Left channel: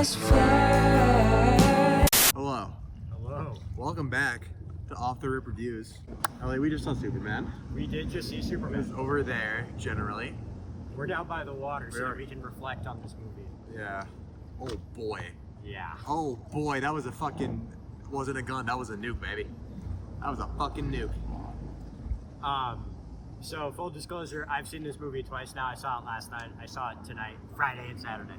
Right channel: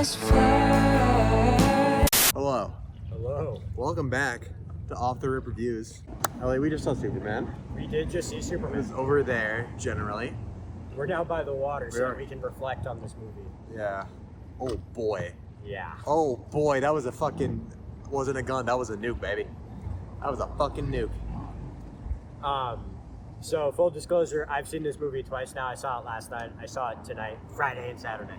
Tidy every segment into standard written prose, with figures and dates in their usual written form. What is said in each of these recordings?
must fly. Hello. Hello. Welcome back to Off the Rip Reviews. Elliott, we just saw Superman. We did just see Superman. It's over there, generally. We're now by the water so We are. that we can reflect on this movie. Yeah. Oh boy. Yeah. Oh boy, that was a fucking... wasn't a gun, that was a nuke, baby. That was a fucking nuke. So full disclosure, I've seen this movie twice now. I saw it last night. I saw it tonight, Friday and Saturday.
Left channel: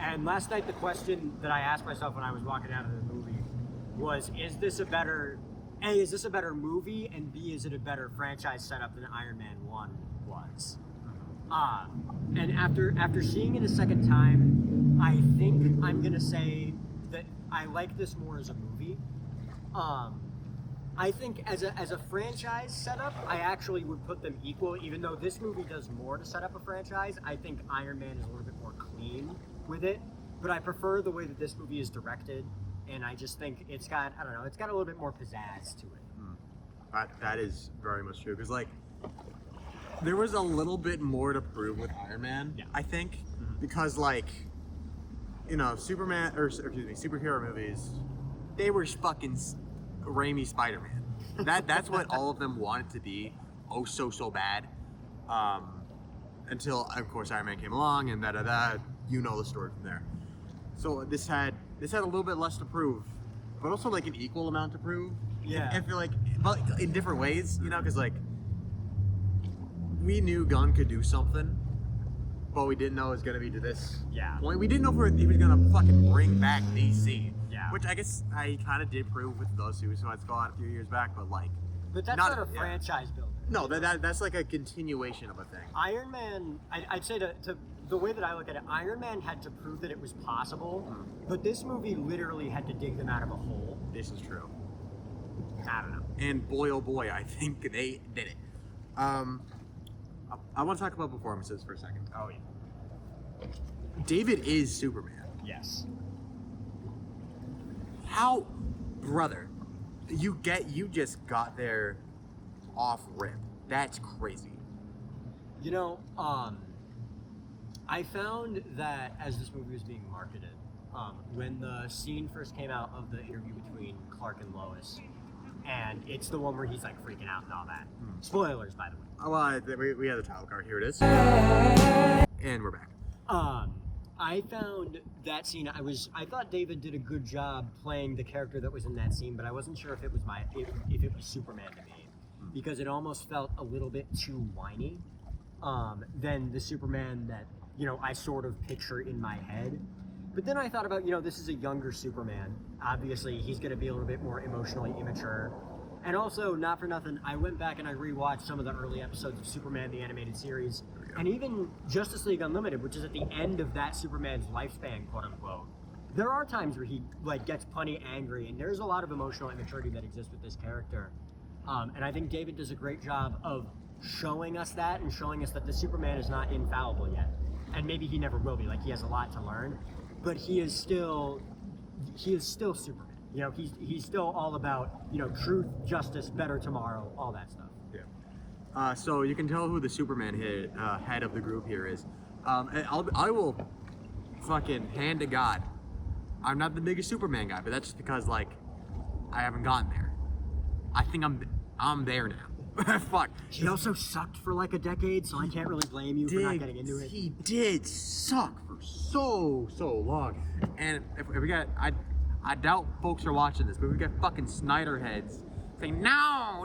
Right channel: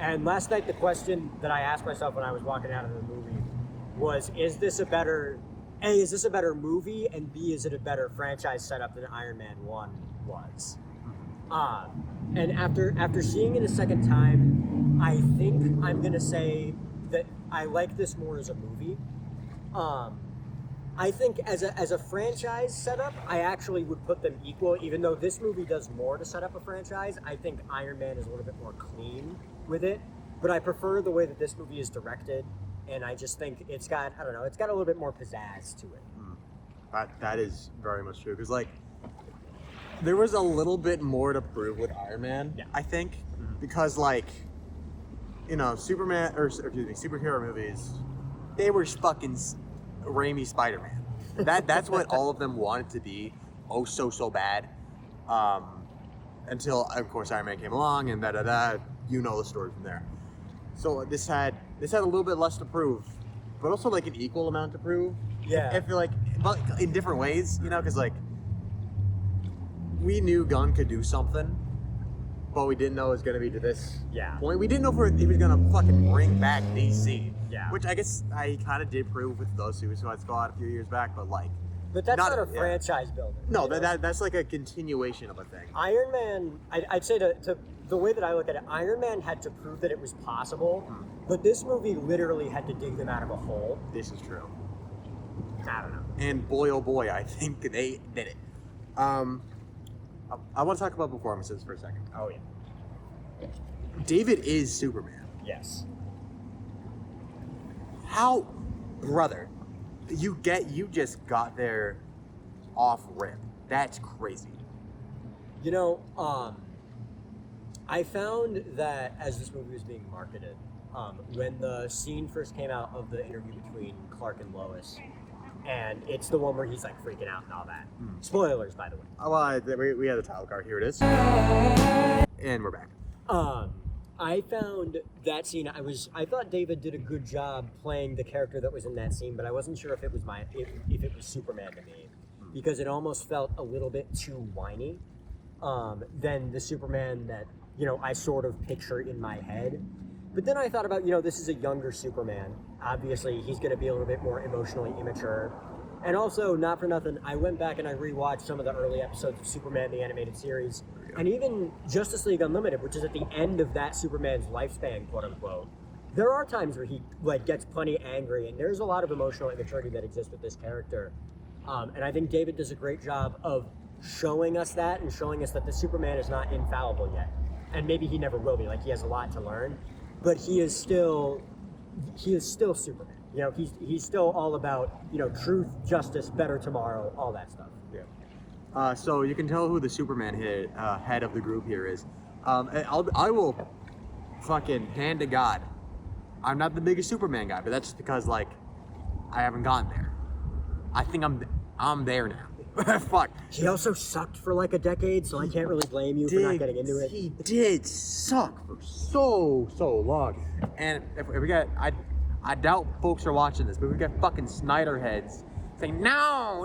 And last night the question that I asked myself when I was walking out of the movie was, is this a better movie, and B, is it a better franchise setup than Iron Man 1 was? And after seeing it a second time, I think I'm gonna say that I like this more as a movie. I think as a franchise setup, I actually would put them equal, even though this movie does more to set up a franchise. I think Iron Man is a little bit more clean with it, but I prefer the way that this movie is directed, and I just think it's got, I don't know, it's got a little bit more pizzazz to it. That is very much true, because like, there was a little bit more to prove with Iron Man, Yeah. I think, because like, you know, superhero movies, they were fucking Raimi Spider-Man. That's what all of them wanted to be, so bad, until of course Iron Man came along and you know the story from there. So this had a little bit less to prove, but also like an equal amount to prove. Yeah. I feel like, but in different ways, you know, because like we knew Gunn could do something, but we didn't know it was gonna be to this point. We didn't know if he was gonna fucking bring back DC. Yeah. Which I guess I kind of did prove with the Suicide Squad a few years back, but like. But that's not a franchise builder. No, you know? that's like a continuation of a thing. Iron Man, I'd say to the way that I look at it, Iron Man had to prove that it was possible, but this movie literally had to dig them out of a hole. This is true. I don't know. And boy, oh boy, I think they did it. I want to talk about performances for a second. Oh yeah. David is Superman. Yes. How, brother, you just got there off rip. That's crazy. You know, I found that as this movie was being marketed, when the scene first came out of the interview between Clark and Lois, and it's the one where he's like freaking out and all that. Spoilers, by the way. Well, we had the title card. Here it is. And we're back. I found that scene. I thought David did a good job playing the character that was in that scene, but I wasn't sure if it was if it was Superman to me, because it almost felt a little bit too whiny, than the Superman that, you know, I sort of picture in my head. But then I thought about, you know, this is a younger Superman. Obviously, he's going to be a little bit more emotionally immature. And also, not for nothing, I went back and I rewatched some of the early episodes of Superman, the animated series, and even Justice League Unlimited, which is at the end of that Superman's lifespan, quote unquote. There are times where he like gets plenty angry, and there's a lot of emotional immaturity that exists with this character. And I think David does a great job of showing us that and showing us that the Superman is not infallible yet. And maybe he never will be, like he has a lot to learn, but he is still Superman. You know, he's still all about, you know, truth, justice, better tomorrow, all that stuff. Yeah. So you can tell who the Superman head of the group here is. I will fucking hand to God, I'm not the biggest Superman guy, but that's just because like I haven't gotten there. I think I'm there now. Fuck. He also sucked for like a decade, so I can't really blame you for not getting into it. He did suck for so long. And if we got, I doubt folks are watching this, but we got fucking Snyder heads saying, no,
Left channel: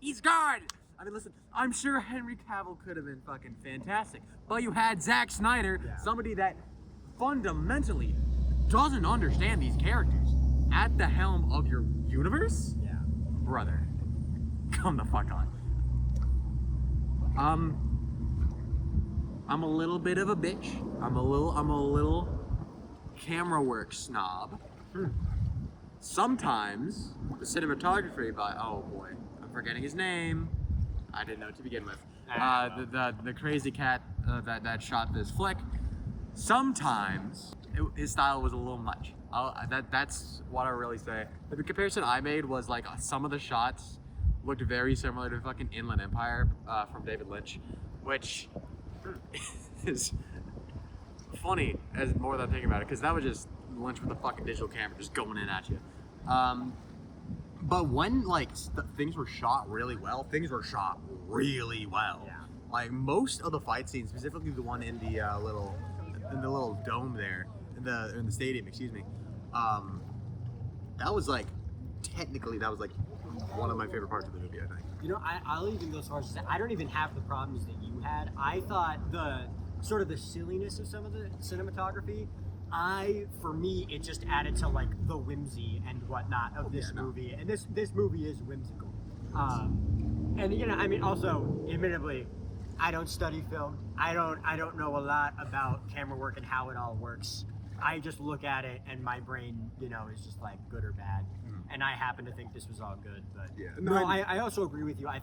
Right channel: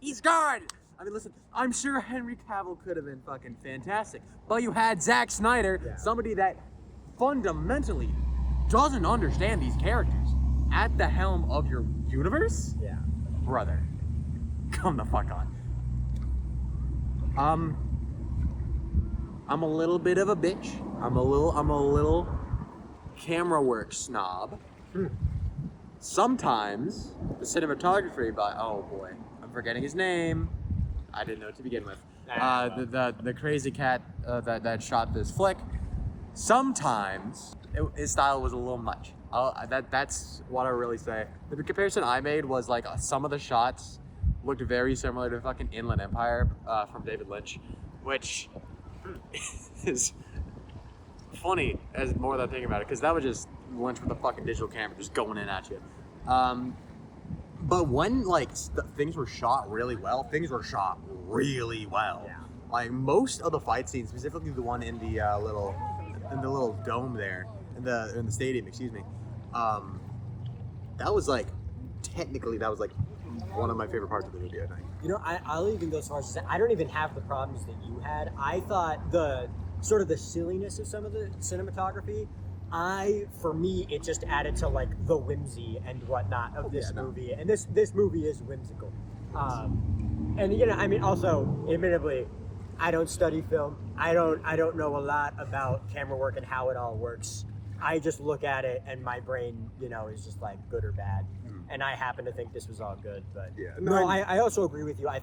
he's gone. I mean, listen, I'm sure Henry Cavill could have been fucking fantastic, but you had Zack Snyder, somebody that fundamentally doesn't understand these characters, at the helm of your universe? Yeah. Brother, come the fuck on. I'm a little bit of a bitch. I'm a little camera work snob. Sometimes the cinematography oh boy, I'm forgetting his name. I didn't know to begin with. The crazy cat that shot this flick. Sometimes his style was a little much. That's what I really say. The comparison I made was like some of the shots looked very similar to fucking Inland Empire from David Lynch, which is funny as more than I'm thinking about it, because that was just Lynch with a fucking digital camera just going in at you. But when like things were shot really well, things were shot really well. Yeah. Like most of the fight scenes, specifically the one in the little dome there, in the stadium, excuse me. That was like technically that was like one of my favorite parts of the movie, I think. You know, I'll even go so far as to say I don't even have the problems that you had. I thought the sort of the silliness of some of the cinematography, for me, it just added to like the whimsy and whatnot of this movie. And this movie is whimsical. And you know, I mean, also, admittedly, I don't study film. I don't know a lot about camera work and how it all works. I just look at it and my brain, you know, is just like good or bad. And I happen to think this was all good, but Yeah. no, I also agree with you. I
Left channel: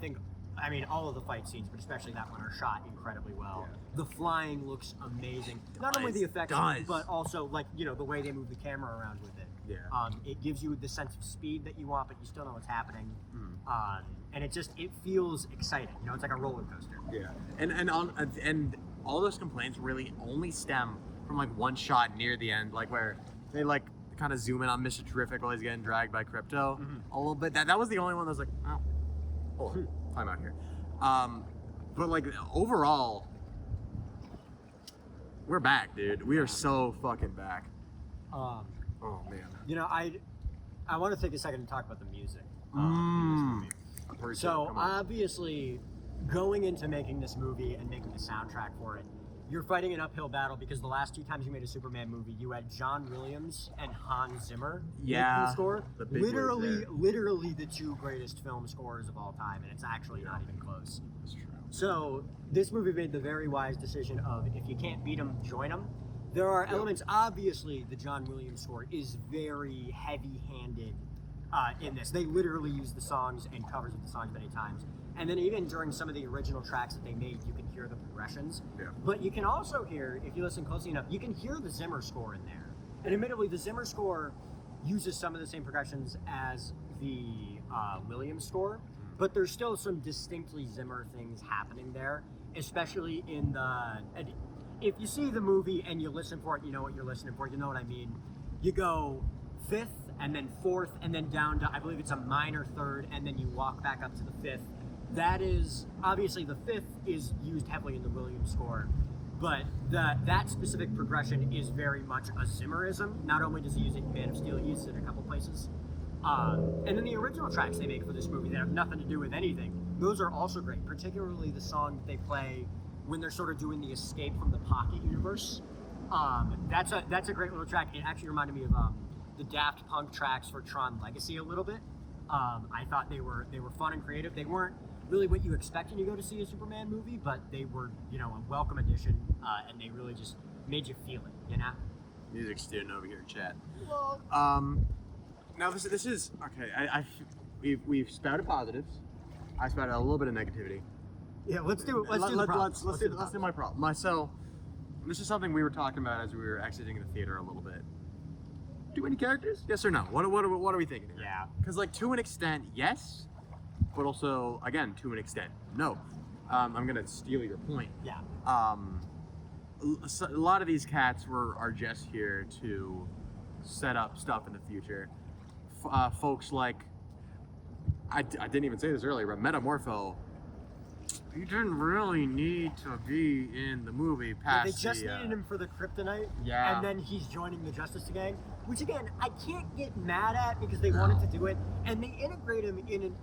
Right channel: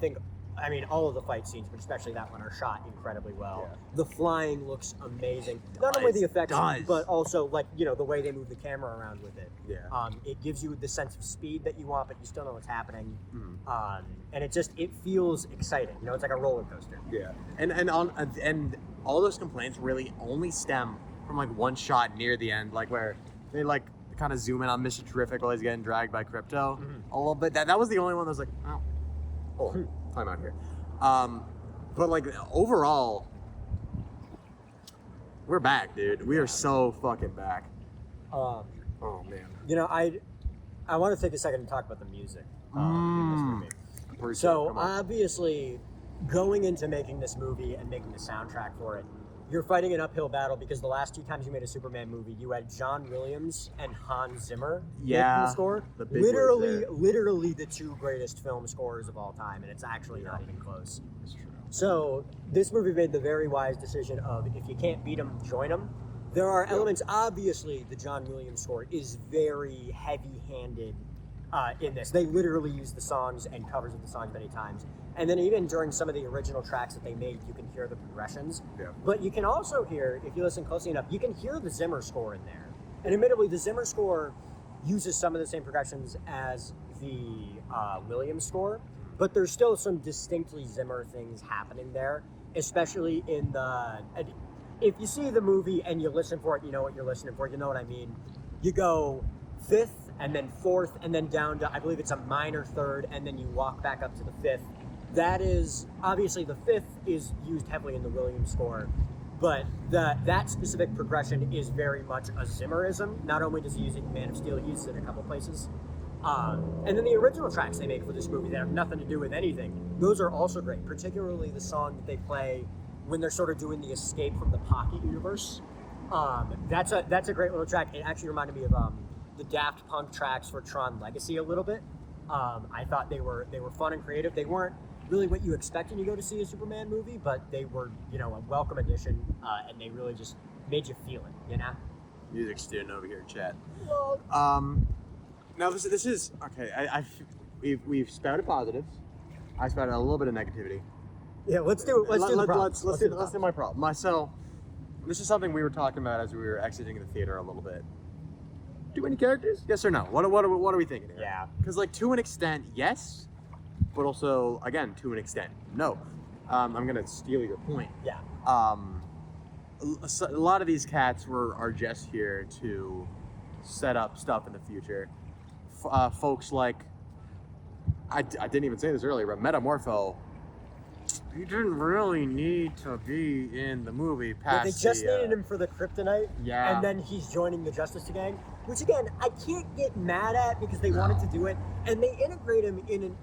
mean, all of the fight scenes, but especially that one, are shot incredibly well. Yeah. The flying looks amazing. Not only the effects, but also like, you know, the way they move the camera around with it. Yeah. It gives you the sense of speed that you want, but you still know what's happening. And it feels exciting. You know, it's like a roller coaster. Yeah. And all those complaints really only stem from like one shot near the end, like where they like kind of zoom in on Mr. Terrific while he's getting dragged by Crypto a little bit. That was the only one that was like, oh, time out here. But like overall, we're back, dude. We are so fucking back. Oh man. You know, I want to take a second to talk about the music in this movie. So obviously, going into making this movie and making the soundtrack for it, you're fighting an uphill battle because the last two times you made a Superman movie, you had John Williams and Hans Zimmer making the score. The big Literally the two greatest film scores of all time, and it's actually not even close. That's true. So this movie made the very wise decision of if you can't beat them, join them. There are elements, obviously, the John Williams score is very heavy-handed in this. They literally use the songs and covers of the songs many times. And then even during some of the original tracks that they made, you can hear the progressions. Yeah. But you can also hear, if you listen closely enough, you can hear the Zimmer score in there. And admittedly, the Zimmer score uses some of the same progressions as the Williams score, but there's still some distinctly Zimmer things happening there, especially in the... If you see the movie and you listen for it, you know what you're listening for, you know what I mean. You go fifth, and then fourth, and then down to, I believe it's a minor third, and then you walk back up to the fifth. That is, obviously the fifth is used heavily in the Williams score, but that specific progression is very much a Zimmerism. Not only does he use it in Man of Steel, he uses it in a couple places. And then the original tracks they make for this movie that have nothing to do with anything, those are also great, particularly the song that they play when they're sort of doing the Escape from the Pocket universe. That's a great little track. It actually reminded me of the Daft Punk tracks for Tron Legacy a little bit. I thought they were fun and creative. They weren't really what you expect when you go to see a Superman movie, but they were, you know, a welcome addition, and they really just made you feel it, you know? Music student over here, Chad. Well, now this is okay. We've spouted positives. I spouted a little bit of negativity. yeah, let's do it. Let's do my problem. So this is something we were talking about as we were exiting the theater a little bit. Too many characters? Yes or no? What are we thinking here? Yeah. Because like to an extent, yes, but also again to an extent, no. I'm gonna steal your point. Yeah. A lot of these cats are just here to set up stuff in the future. Folks like I didn't even say this earlier, but Metamorpho. You didn't really need to be in the movie. They just needed him for the kryptonite, yeah, and then he's joining the Justice Gang, which again I can't get mad at because they wanted to do it, and they integrate him in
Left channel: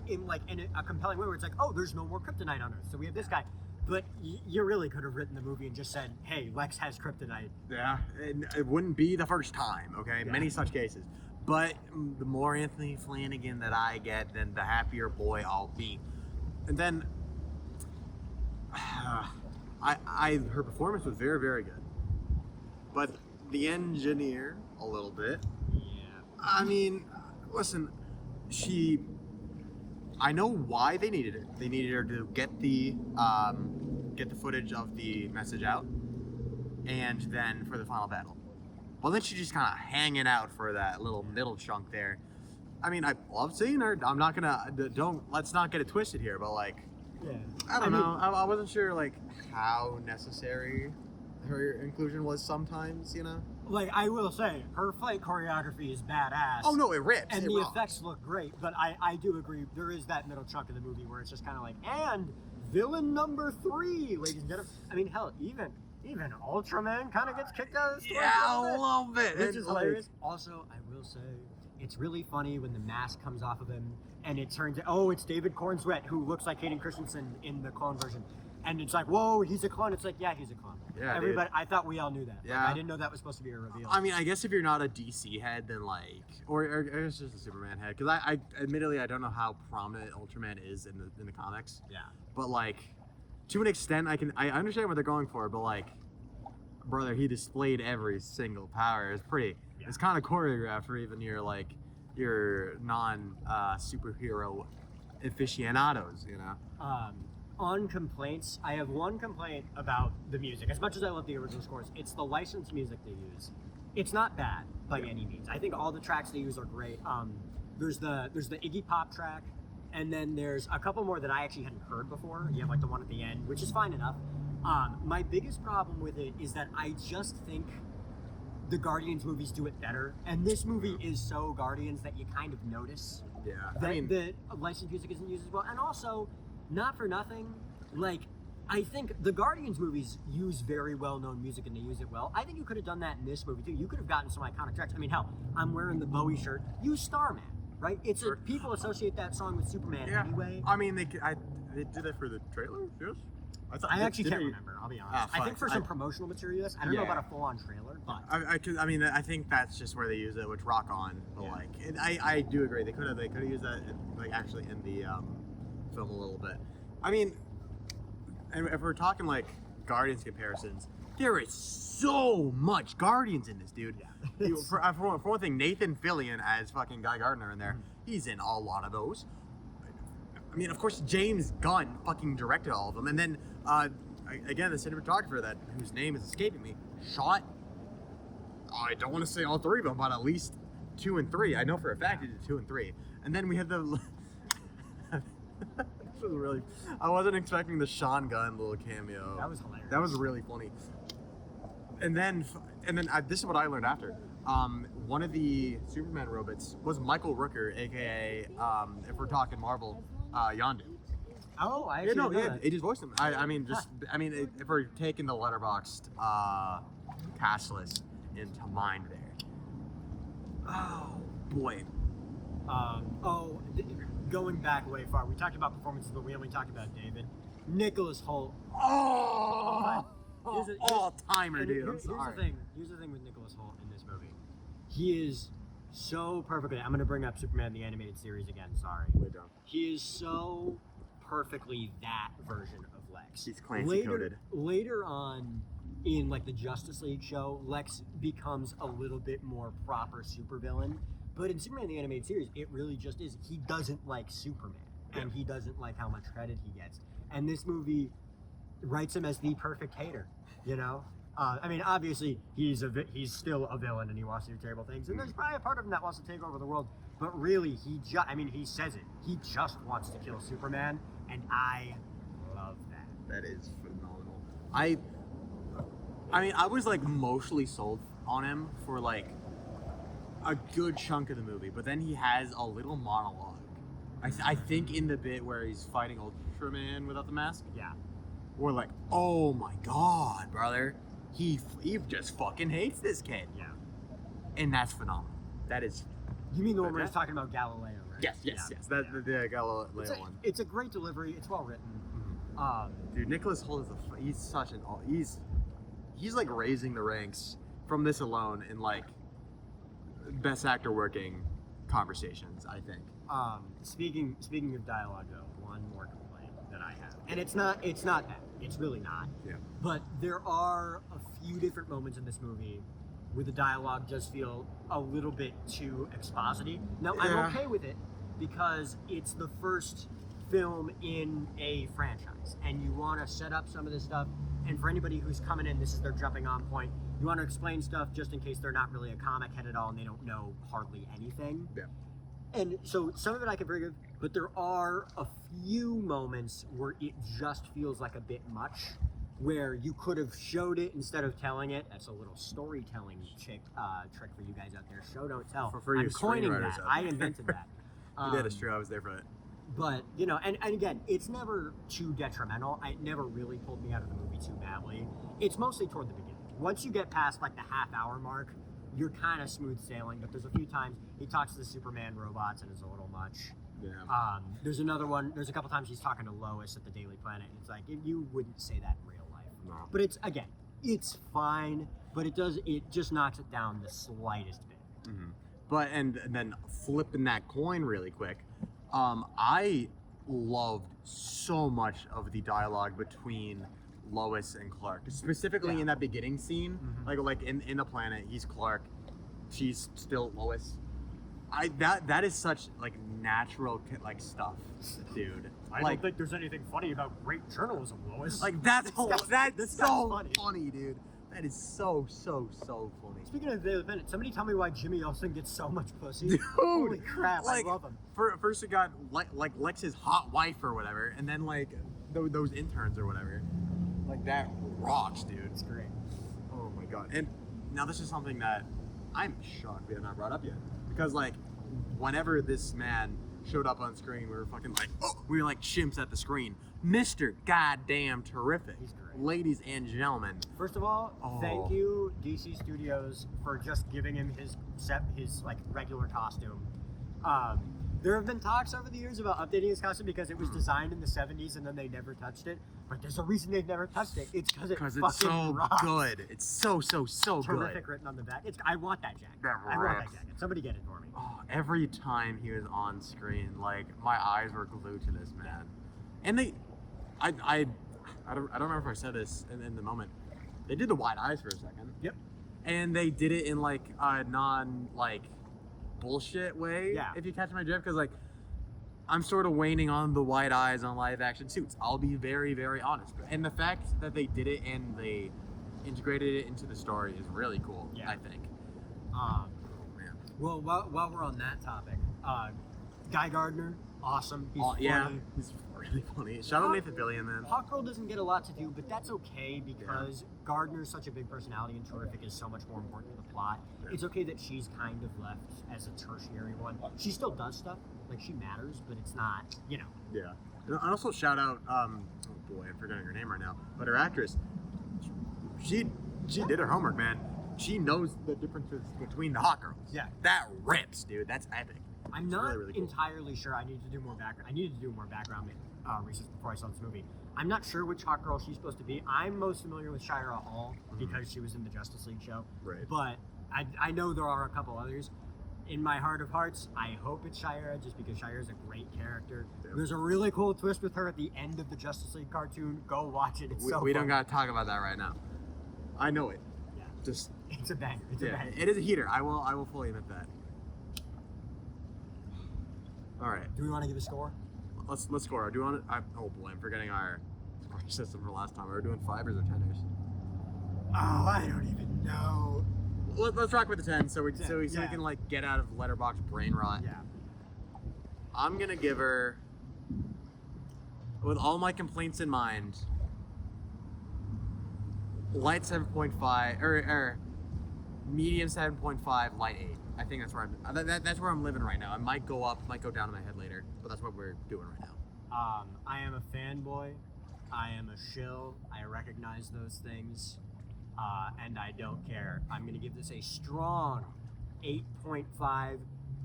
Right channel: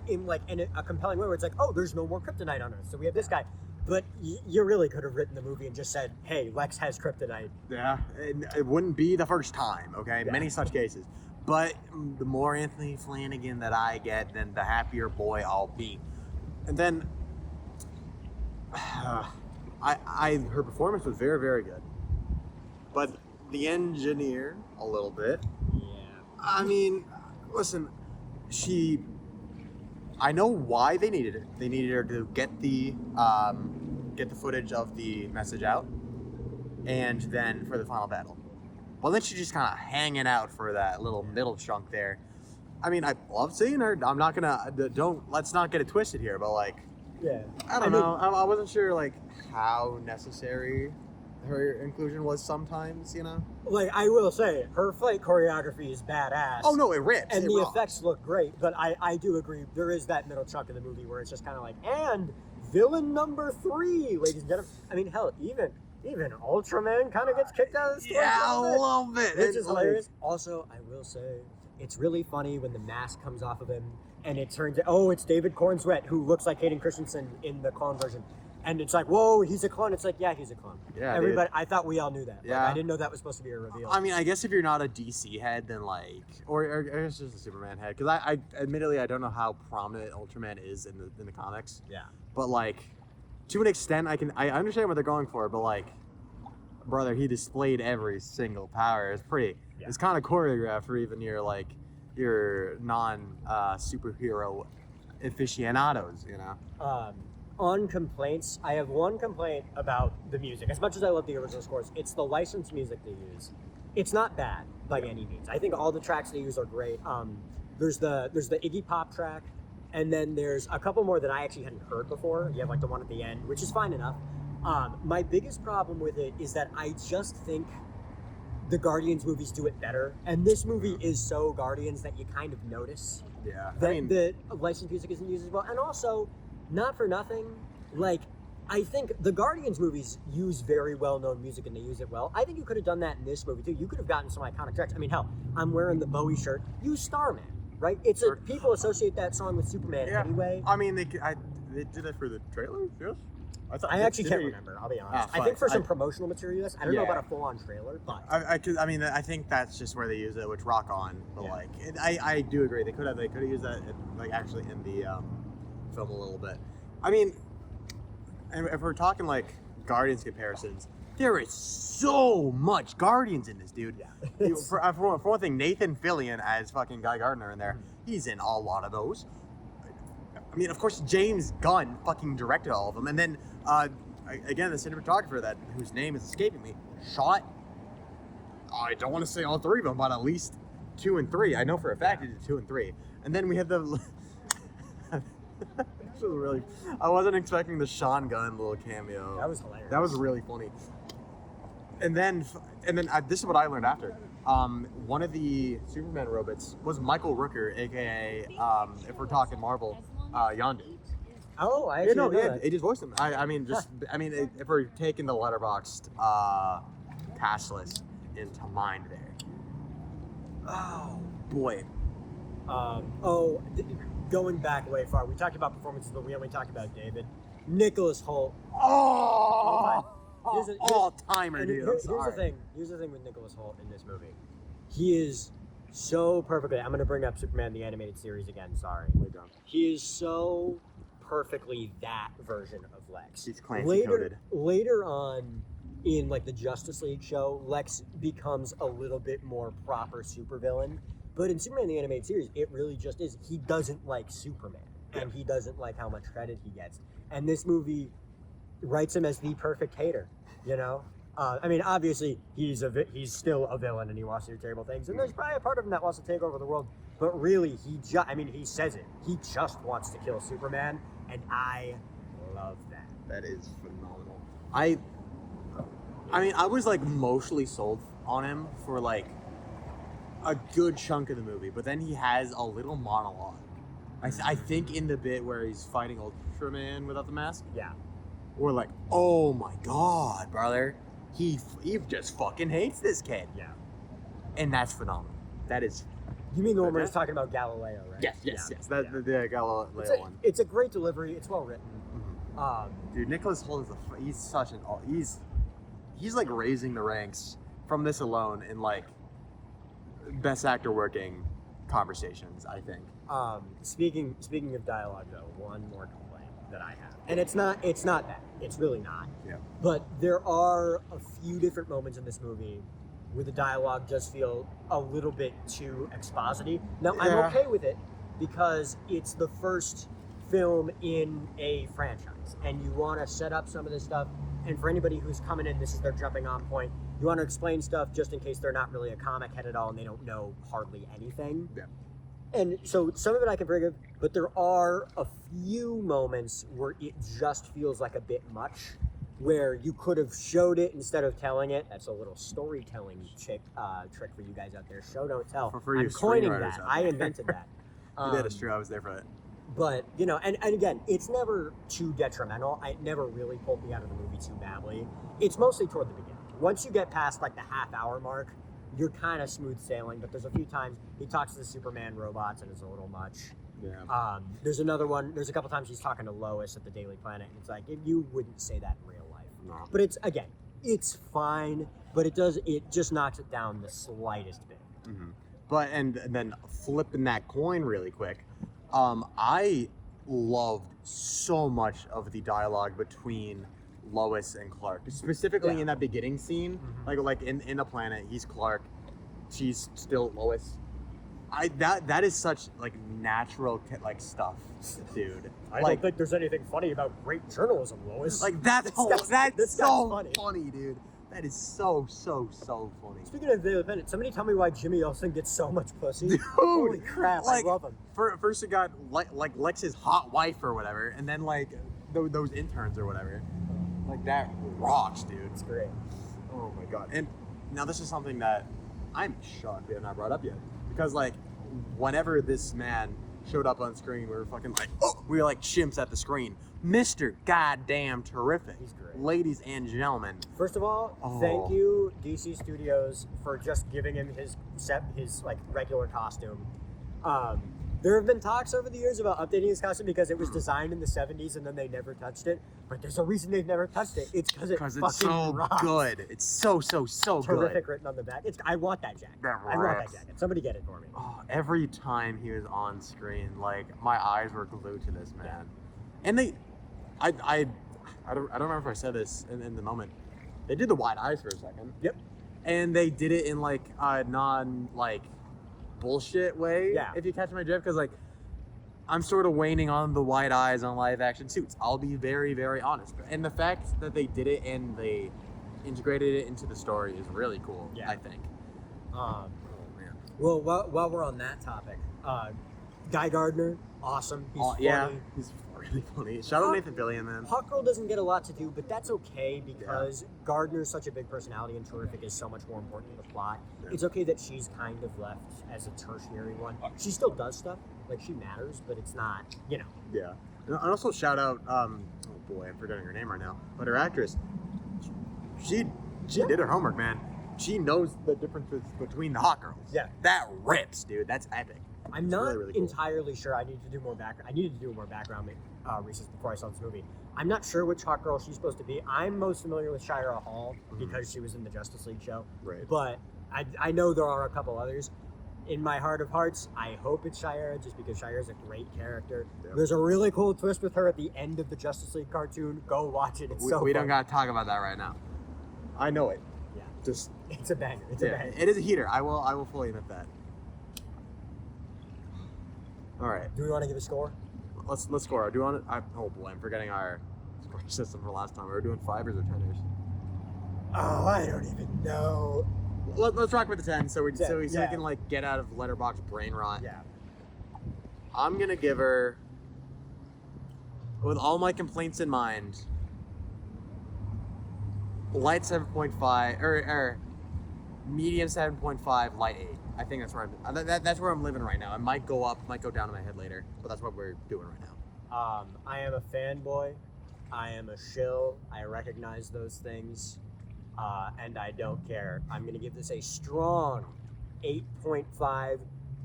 a compelling way where it's like, oh, there's no more kryptonite on Earth, so we have this guy. But you really could have written the movie and just said, hey, Lex has kryptonite. Yeah, it wouldn't be the first time. Okay, yeah. Many such cases. But the more Anthony Flanagan that I get, then the happier boy I'll be. And then. Her performance was very, very good, but the engineer a little bit. Yeah. I mean, listen, I know why they needed it. They needed her to get the footage of the message out, and then for the final battle. Well, then she's just kind of hanging out for that little middle chunk there. I mean, I love seeing her. I'm not gonna let's not get it twisted here, but like. Yeah. I don't know. I wasn't sure like how necessary her inclusion was sometimes, you know. Like, I will say, her fight choreography is badass. Oh no, it rips. And it the rocks. effects look great, but I do agree, there is that middle chunk of the movie where it's just kind of like, and villain number 3, ladies and gentlemen. I mean, hell, even Ultraman kind of gets kicked out of the story. Yeah, a little bit. Which is hilarious. Also, I will say, it's really funny when the mask comes off of him and it turns out, oh, it's David Cornsweet, who looks like Hayden Christensen in the clone version. And it's like, whoa, he's a clone. It's like, yeah, he's a clone. Yeah, everybody, I thought we all knew that. Yeah. Like, I didn't know that was supposed to be a reveal. I mean, I guess if you're not a DC head, then like, or it's just a Superman head, because I admittedly I don't know how prominent Ultraman is in the comics. Yeah. But like, to an extent, I understand what they're going for, but like, brother, he displayed every single power. It's pretty. Yeah. It's kind of choreographed for even your non superhero aficionados, you know. On complaints, I have one complaint about the music. As much as I love the original scores, it's the licensed music they use. It's not bad by any means. I think all the tracks they use are great. There's the Iggy Pop track, and then there's a couple more that I actually hadn't heard before. You have like the one at the end, which is fine enough. My biggest problem with it is that I just think the Guardians movies do it better, and this movie is so Guardians that you kind of notice Yeah. that the licensed music isn't used as well. And also, not for nothing, like, I think the Guardians movies use very well-known music and they use it well. I think you could have done that in this movie too. You could have gotten some iconic tracks. I mean, hell, I'm wearing the Bowie shirt. Use Starman, right? It's a, people associate that song with Superman anyway. I mean, they did it for the trailer, yes? I actually can't remember, I'll be honest. I think for some promotional material, yes. I don't know about a full-on trailer, but... I mean, I think that's just where they use it, which Rock On. But like, and I do agree. They could have used that, like, actually in the film a little bit. I mean, and if we're talking like Guardians comparisons, there is so much Guardians in this, dude. Yeah. For one thing, Nathan Fillion as fucking Guy Gardner in there, he's in a lot of those. I mean, of course, James Gunn fucking directed all of them, and then again, the cinematographer whose name is escaping me shot. I don't want to say all 3 of them, but at least 2 and 3. I know for a fact he did 2 and 3. And then we had the. This was really. I wasn't expecting the Sean Gunn little cameo. That was hilarious. That was really funny. And then this is what I learned after. One of the Superman robots was Michael Rooker, aka if we're talking Marvel, Yondu. Oh, I actually didn't know that. He just voiced him. I mean, if we're taking the letterboxed cast list into mind there. Oh boy. Going back way far, we talked about performances, but we only talked about David. Nicholas Hoult. All-timer, dude. Here's the thing. Here's the thing with Nicholas Hoult in this movie. He is so perfectly. I'm going to bring up Superman the animated series again. Sorry. He is so perfectly that version of Lex. He's Clancy coded. Later on, in like the Justice League show, Lex becomes a little bit more proper supervillain. But in Superman the animated series, it really just is. He doesn't like Superman, and he doesn't like how much credit he gets. And this movie writes him as the perfect hater, you know? I mean, obviously, he's still a villain, and he wants to do terrible things. And there's probably a part of him that wants to take over the world. But really, he says it. He just wants to kill Superman, and I love that. That is phenomenal. I mean, I was like mostly sold on him for like a good chunk of the movie, but then he has a little monologue. I think in the bit where he's fighting Ultraman without the mask. Yeah. We're like, oh my god, brother, he just fucking hates this kid. Yeah. And that's phenomenal. That is. You mean the one where he's talking about Galileo, right? Yes. The Galileo one. It's a great delivery. It's well written. Mm-hmm. Dude, Nicholas Hoult is he's like raising the ranks from this alone in like best actor working conversations, I think. Speaking of dialogue though, one more complaint that I have. And it's not that. It's really not. Yeah. But there are a few different moments in this movie where the dialogue does feel a little bit too exposity. Now, I'm okay with it because it's the first film in a franchise and you want to set up some of this stuff. And for anybody who's coming in, this is their jumping on point. You want to explain stuff just in case they're not really a comic head at all and they don't know hardly anything. Yeah. And so some of it I can forgive, but there are a few moments where it just feels like a bit much where you could have showed it instead of telling it. That's a little storytelling trick for you guys out there. Show, don't tell. For you I'm coining screenwriters that. out I there. invented that. Yeah, that's true. I was there for that. But, you know, and again, it's never too detrimental. It never really pulled me out of the movie too badly. It's mostly toward the beginning. Once you get past, like, the half-hour mark, you're kind of smooth sailing, but there's a few times he talks to the Superman robots and it's a little much. Yeah. There's a couple times he's talking to Lois at the Daily Planet, and it's like, you wouldn't say that in real life. No. But it's fine, but it just knocks it down the slightest bit. Mm-hmm. But, and then flipping that coin really quick, I loved so much of the dialogue between Lois and Clark, specifically in that beginning scene. Mm-hmm. Like in the planet, he's Clark, she's still Lois. That is such like natural like stuff, dude. I don't think there's anything funny about great journalism, Lois. Like that's This so guy's funny, dude. That is so funny. Speaking of Daily Planet, somebody tell me why Jimmy Olsen gets so much pussy. Dude, Holy crap, like, I love him. First you got like Lex's hot wife or whatever, and then like those interns or whatever. Like that rocks, dude. It's great. Oh my god. And now this is something that I'm shocked we have not brought up yet. Because like whenever this man showed up on screen, we were fucking like, we were like chimps at the screen. Mr. Goddamn Terrific. He's great. Ladies and gentlemen. First of all, thank you DC Studios for just giving him his like regular costume. There have been talks over the years about updating his costume because it was designed in the 70s and then they never touched it. But there's a reason they've never touched it. It's because it's fucking so rocks. good. It's so Terrific good. written on the back. I want that jacket. I want that jacket. Somebody get it for me. Oh, every time he was on screen, like my eyes were glued to this man. Yeah. And I don't remember if I said this in the moment. They did the wide eyes for a second. Yep. And they did it in like a non like bullshit way. Yeah. If you catch my drift, because like I'm sort of waning on the wide eyes on live action suits. I'll be very, very honest. And the fact that they did it and they integrated it into the story is really cool. Yeah. I think. Oh man. Well, while we're on that topic, Guy Gardner, awesome. He's funny. Yeah, he's really funny. Shout out Nathan Fillion, man. Hawkgirl doesn't get a lot to do, but that's okay because Gardner's such a big personality and Terrific is so much more important to the plot. Yeah. It's okay that she's kind of left as a tertiary one. She still does stuff, like she matters, but it's not, you know. Yeah. And also shout out, oh boy, I'm forgetting her name right now, but her actress, she did her homework, man. She knows the differences between the hot girls. Yeah. That rips, dude. That's epic. I'm not really, really cool. entirely sure. I needed to do more background research before I saw this movie. I'm not sure which hot girl she's supposed to be. I'm most familiar with Shira Hall because she was in the Justice League show. Right. But I know there are a couple others. In my heart of hearts, I hope it's Shira just because Shira's a great character. Yep. There's a really cool twist with her at the end of the Justice League cartoon. Go watch it. It's We don't fun. gotta talk about that right now. I know it. Yeah. Just It's a banger. It's a banger. It is a heater. I will fully admit that. All right. Do we want to give a score? Let's score. Do you want to? Oh boy, I'm forgetting our score system for last time. We were doing 5ers or 10ers. Oh, I don't even know. Let's rock with the 10 so we 10, we can like get out of letterbox brain rot. Yeah. I'm gonna give her, with all my complaints in mind, light 7.5 or medium 7.5, light 8. I think that's where that's where I'm living right now. It might go up, might go down in my head later, but that's what we're doing right now. I am a fanboy. I am a shill. I recognize those things, and I don't care. I'm gonna give this a strong 8.5.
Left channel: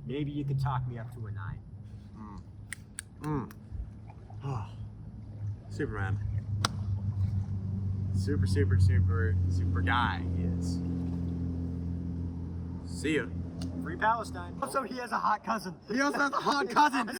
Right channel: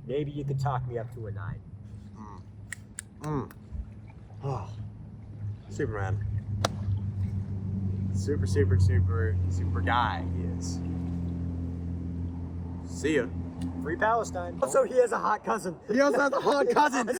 Maybe you could talk me up to a 9. Oh, Superman. Super guy he is. See ya. Free Palestine. Also, he has a hot cousin. He also has a hot cousin.